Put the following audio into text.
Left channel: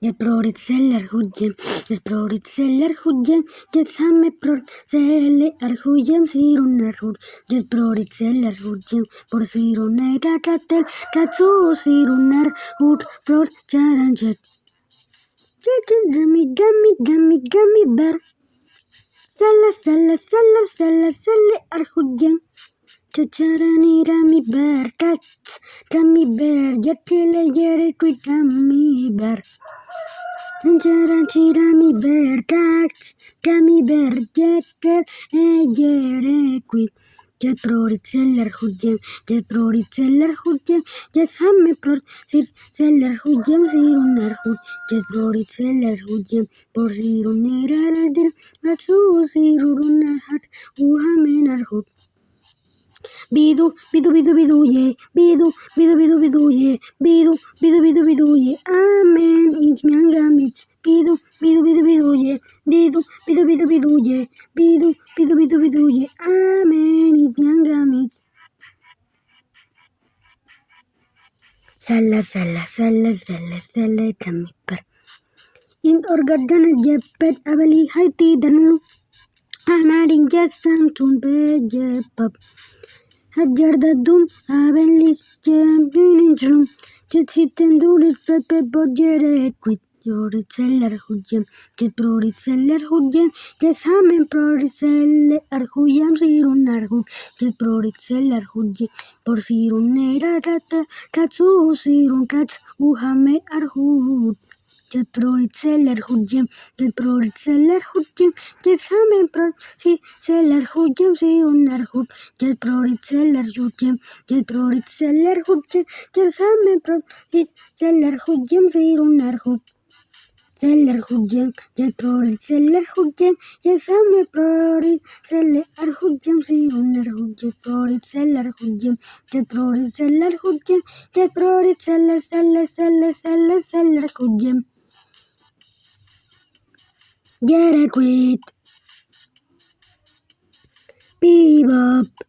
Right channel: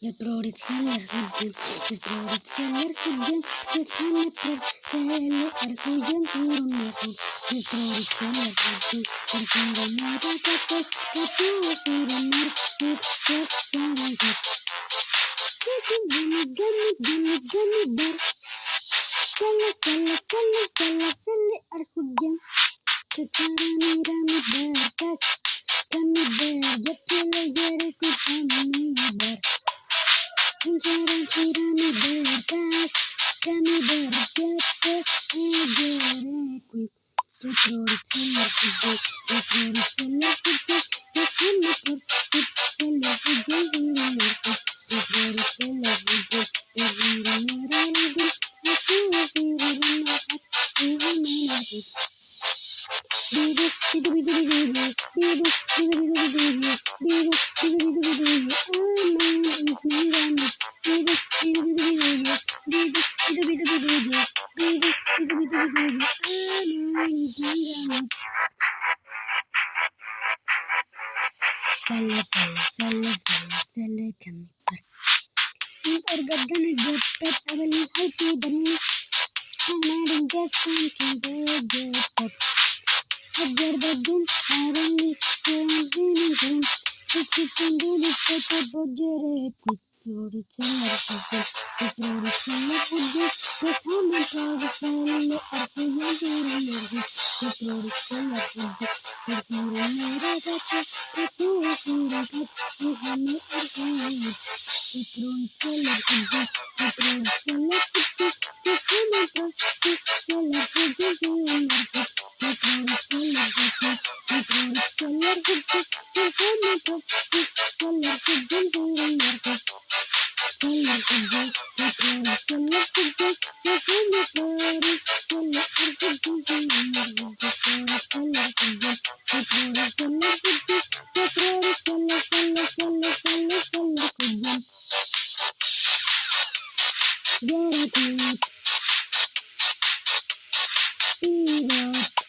Product seller hujjem, product seller hujjem, same product seller hujjem, siruner hujjem, product seller hujjem, or siruner kakatel, katsu siruner hujjem, charanjet. Gummy bear. Selle hujjem, chacharani gummy bear, gummy bear, yetile yere gummy bear. Gummy bear, gummy bear, get quick. Get product seller hujjem, get same product seller hujjem, siruner get product seller hujjem, or siruner hujjem, katsu siruner hat, uhaminer hujjem. Bidu, ye. Bidu, ye. Bidu, ye. Amen. It's me, Ramit. Bidu, ye. Bidu, ye. Bidu, ye. Amen. It's me, Ramit. Selle, gummy bear. In orgadana jeppet, avaling haiti danu. Anadin gestan tumpe jeppap. Hagardadum, avelis, jeantinum. Chicken do it, budget with your seller hujjem, the product seller hujjem, the same product seller hujjem, siruner hujjem, the product seller hujjem, or siruner katsu sirun kats, uhame hujjem, the product seller hujjem, the product seller hujjem, the same product seller hujjem, siruner hujjem, the product seller hujjem, the product seller hujjem, the same product seller hujjem, siruner hujjem. Seller hujjem, the product seller hujjem, the same product seller hujjem, siruner hujjem, product seller hujjem, the product seller hujjem, the product seller hujjem. Get it quick. Bebop.